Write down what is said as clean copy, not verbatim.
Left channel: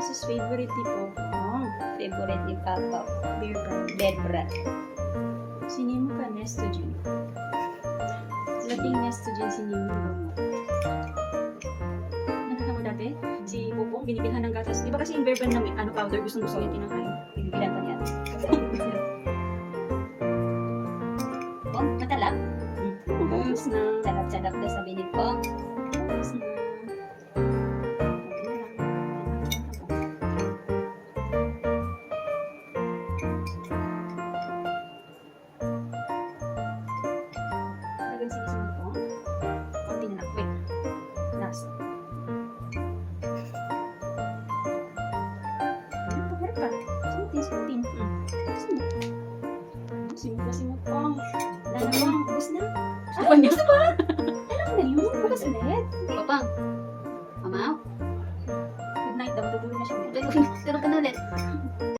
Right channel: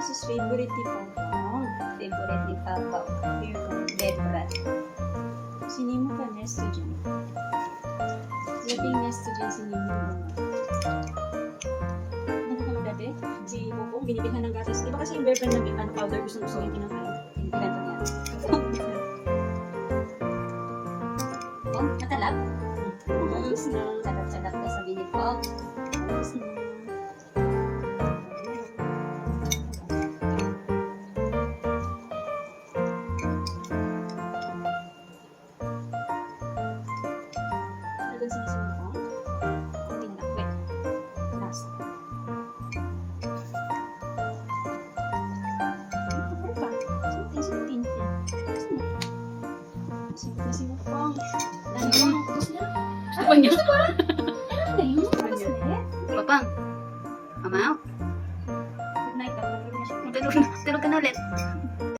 This is favorite ni Papa. Favorite ni Papa. Beer brand. Bear brand. Sinimo ka nesto dyan. Laging nesto dyan sinimo ka. Nakakang dati, si Popo, binibilhan ng gatas. Di ba kasi yung beer brand na powder, gusto yung kinakain. Pinipilan pa niya. Oh, matalap. Ubus na. Sarap-sarap daw sa binit ko. Ubus na. Talagang sinisunod ko. Konti na lang. Wait. Last. Ay, pa. Sinutin. Simple pa. Dami mo. Ubus na. Gusto niya. Ano na yun? Ubus ulit. Papang. Mama. Good night daw. Tulog na siya. Tulog ka na ulit.